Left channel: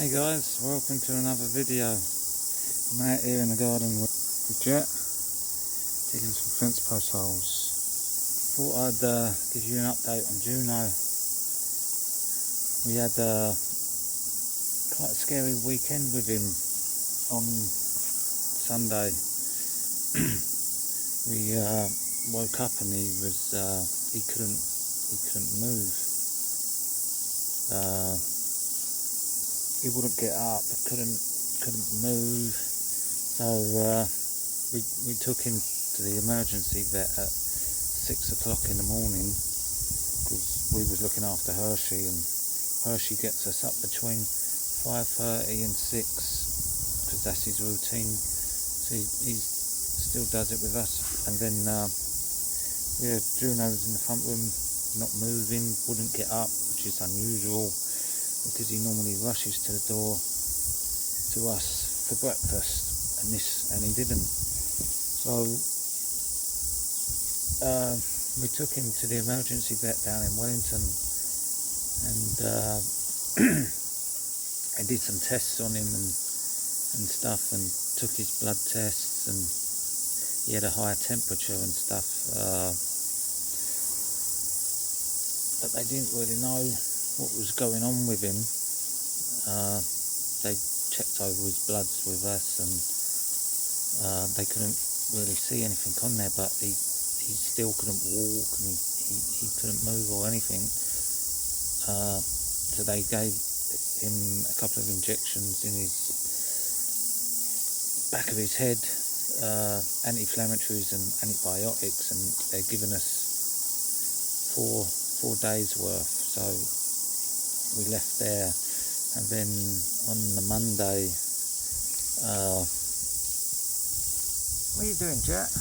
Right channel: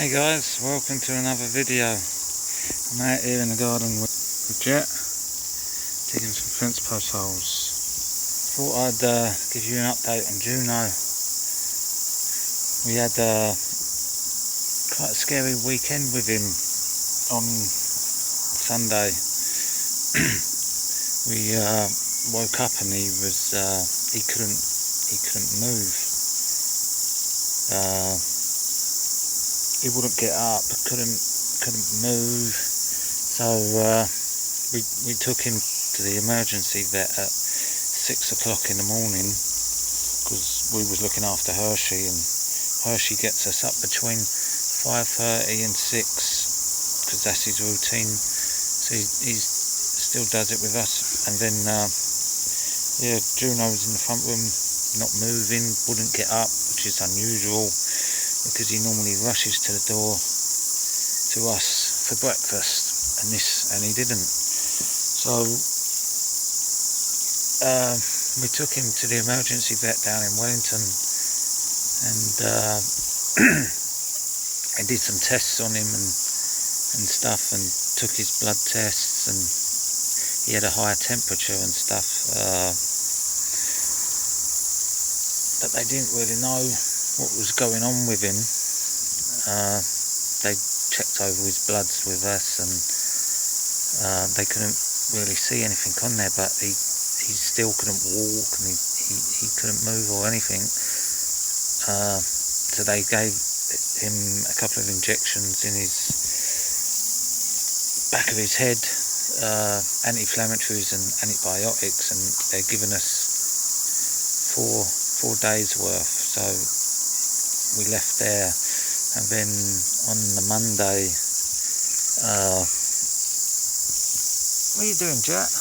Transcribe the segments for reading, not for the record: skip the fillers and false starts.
Hey guys, welcome to another video. I'm out here in the garden with Jet, digging some fence post holes. Thought I'd give you an update on Juno. We had quite a scary weekend with him on Sunday. We woke up and he couldn't move. He wouldn't get up, couldn't move. So we took him to the emergency vet at 6 o'clock in the morning because we was looking after Hershey, and Hershey gets us up between 5:30 and 6 because that's his routine. So he still does it with us. And then Juno was in the front room, not moving, wouldn't get up, which is unusual, because he normally rushes to the door to us for breakfast, and he didn't. So we took him to the emergency vet down in Wellington, and I did some tests on him and stuff, and took his blood tests, and he had a higher temperature and stuff, but they didn't really know what was going on with him. They checked over his bloods with us, and they couldn't really see anything on there, but he still couldn't walk, and he couldn't move or anything. So they gave him a couple of injections in his back of his head, anti-inflammatories and antibiotics, and they're giving us four days worth. So we left there, and then on the Monday, what are you doing, Jet?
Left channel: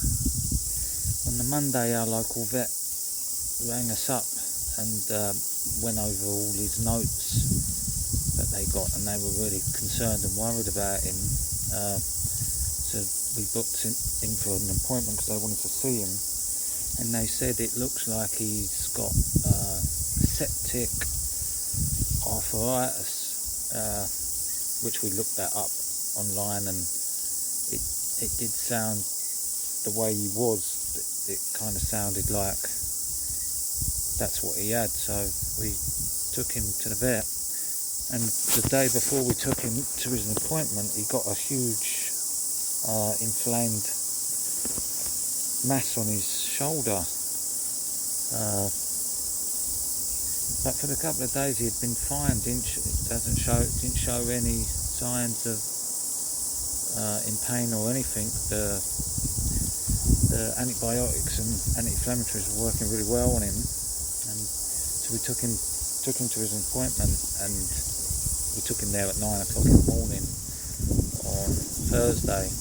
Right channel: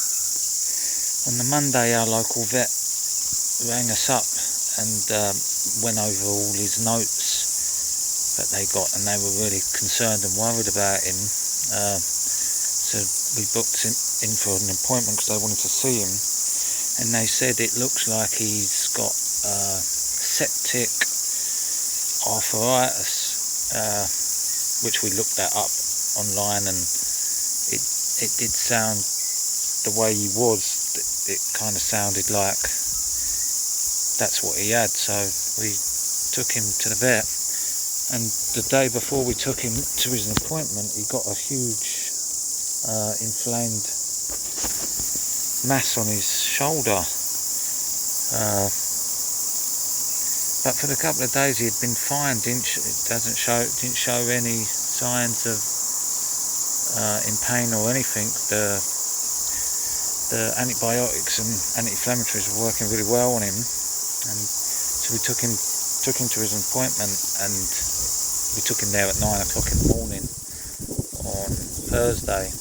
On the Monday, our local vet rang us up and went over all his notes that they got, and they were really concerned and worried about him. So we booked him in for an appointment because they wanted to see him, and they said it looks like he's got septic arthritis, which we looked that up online, and it did sound, the way he was, it kind of sounded like that's what he had. So we took him to the vet, and the day before we took him to his appointment, he got a huge inflamed mass on his shoulder. But for the couple of days he had been fine. Didn't show any signs of in pain or anything. The antibiotics and anti-inflammatories were working really well on him, and so we took him to his appointment, and we took him there at 9 o'clock in the morning on Thursday.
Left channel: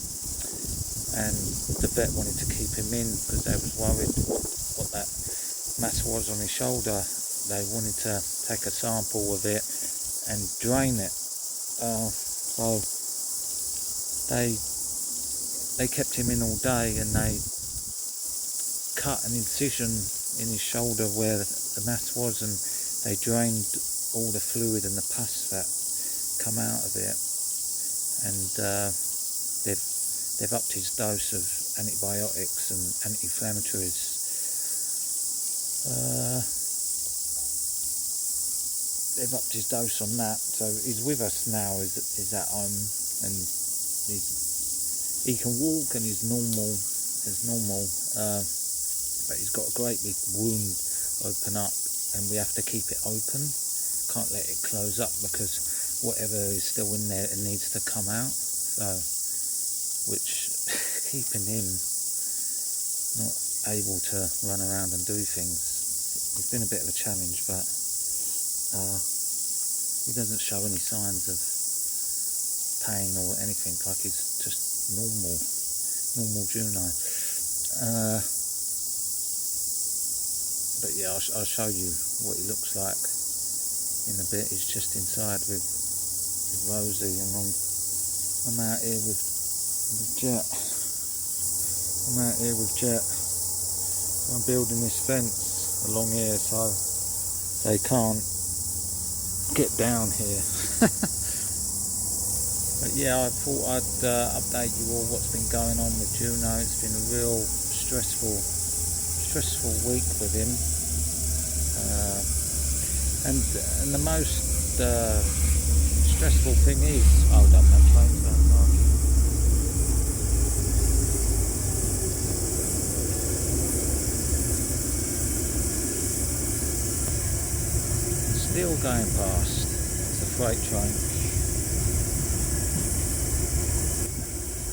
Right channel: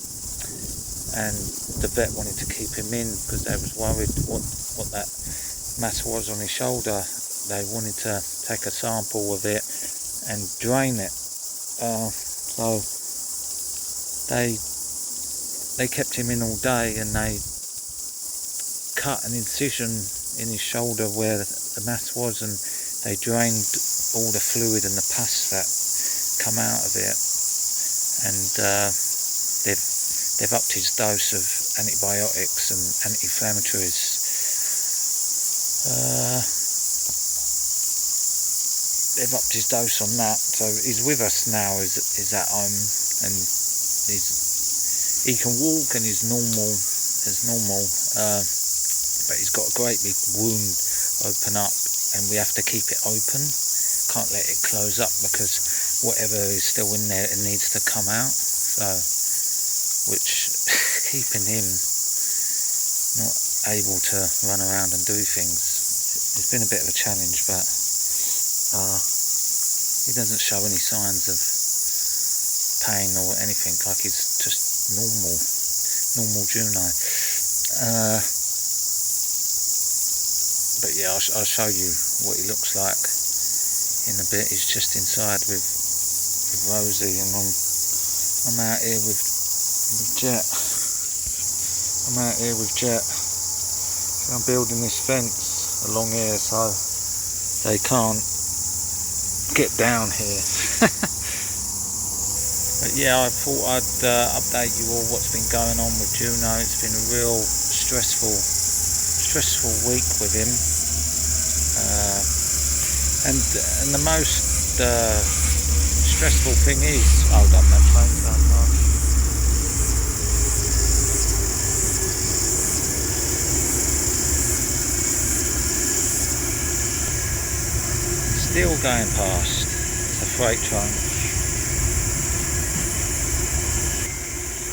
And the vet wanted to keep him in because they was worried what that mass was on his shoulder. They wanted to take a sample of it and drain it. So they kept him in all day, and they cut an incision in his shoulder where the mass was, and they drained all the fluid and the pus that come out of it. And they've upped his dose of antibiotics and anti-inflammatories. They've upped his dose on that, so he's with us now. He's at home, and he can walk, and he's normal as normal. But he's got a great big wound open up, and we have to keep it open. Can't let it close up because whatever is still in there, it needs to come out. So, which keeping him not able to run around and do things, it's been a bit of a challenge, but he doesn't show any signs of pain or anything, like he's just normal Juno. But yeah, I'll show you what he looks like in a bit. He's just inside with Rosie, and I'm out here with Jet. So I'm building this fence along here so they can't get down here. But yeah, I thought I'd update you all what's been going on with Juno. It's been a real stressful week with him, and the most stressful thing is, hold on, that train's going past. Still going past. It's a freight train.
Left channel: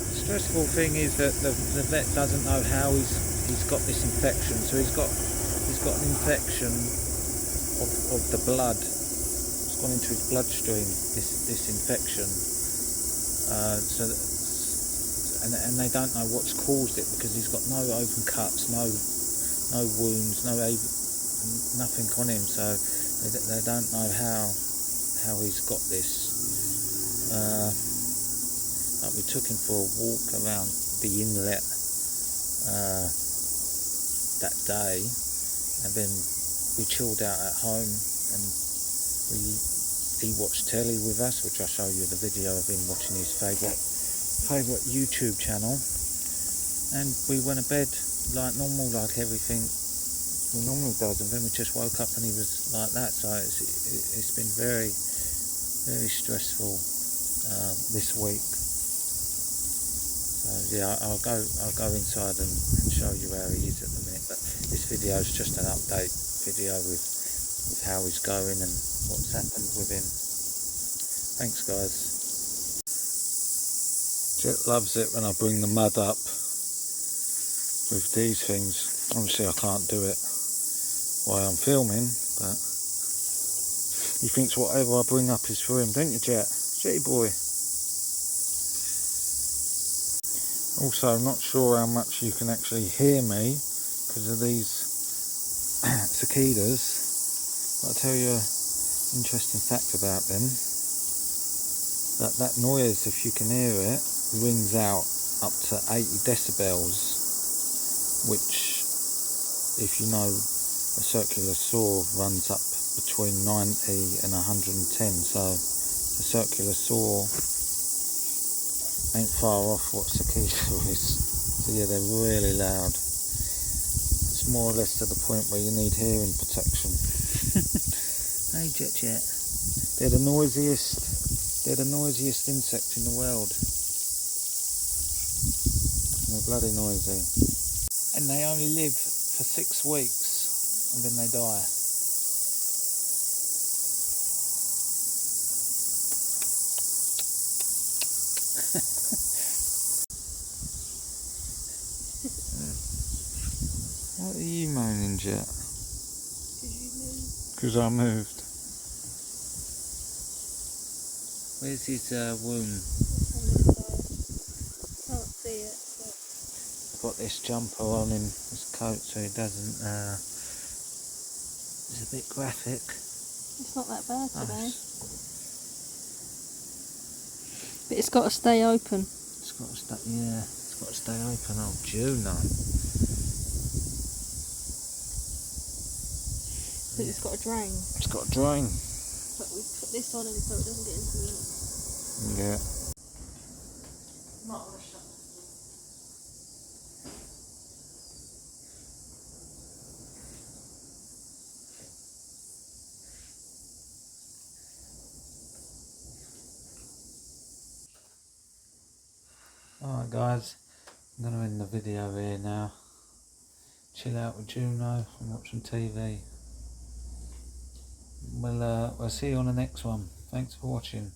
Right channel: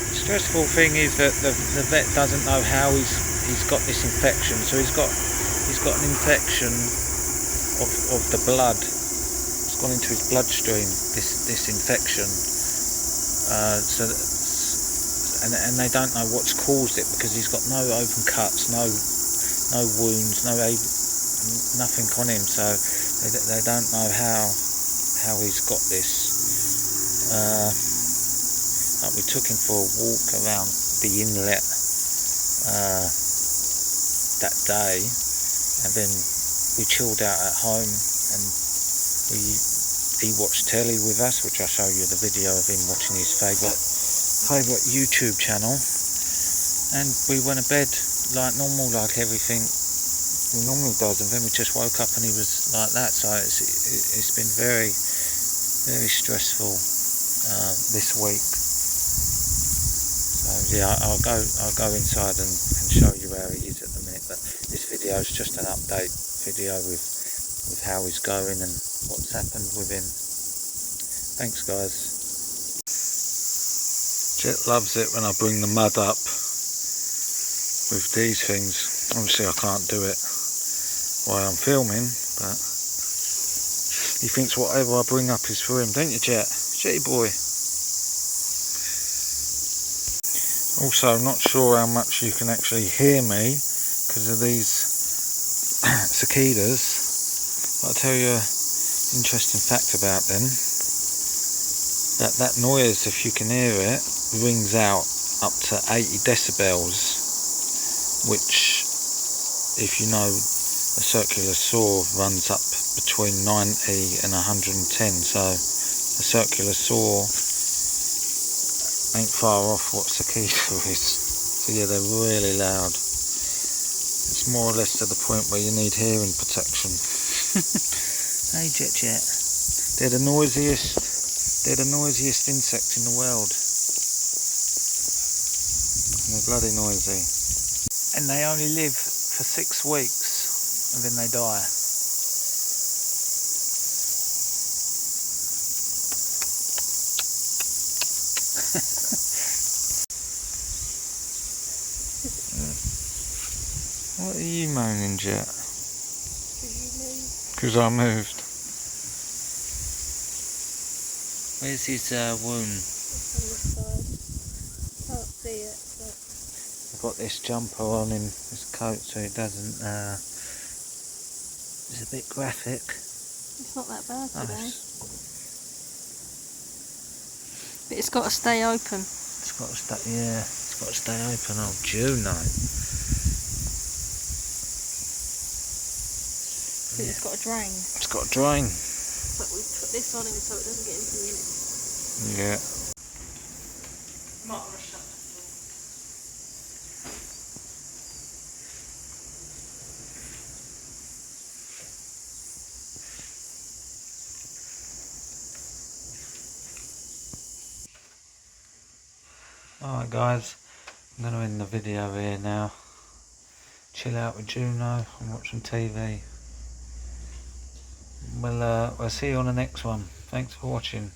The stressful thing is that the vet doesn't know how he's got this infection. So he's got an infection of the blood. It's gone into his bloodstream. This infection. And they don't know what's caused it because he's got no open cuts, no wounds, nothing on him. So they don't know how he's got this. We took him for a walk around the inlet that day, and then we chilled out at home, and he watched telly with us, which I'll show you the video of him watching his favourite YouTube channel, and we went to bed like normal, like everything he normally does, and then we just woke up and he was like that. So it's been very stressful this week. So yeah, I'll go inside and show you where he is at the minute, but this video is just an update video with how he's going and what's happened with him. Thanks guys. Jet loves it when I bring the mud up with these things. Obviously I can't do it while I'm filming, but he thinks whatever I bring up is for him, don't you, Jet? Jetty boy. Also, I'm not sure how much you can actually hear me because of these cicadas, but I'll tell you an interesting fact about them. That noise, if you can hear it, rings out up to 80 decibels, which, if you know, a circular saw runs up between 90 and 110, so a circular saw ain't far off what cicada is. So yeah, they're really loud. It's more or less to the point where you need hearing protection. Hey Jet. They're the noisiest insect in the world. And they're bloody noisy. And they only live for 6 weeks and then they die. What are you moaning, Jet? Because I moved. Where's his wound? Can't see it. But... I've got this jumper on him, his coat, so he doesn't. It's a bit graphic. It's not that bad today. But it's got to stay open. It's got to stay, yeah. It's got to stay open. Oh, Juno. Yeah. It's got a drain. It's got a drain. But we put this on him so it doesn't get into it. Yeah. Might want to shut the door. Alright guys, I'm going to end the video here now. Chill out with Juno. I'm watching TV. We'll see you on the next one. Thanks for watching.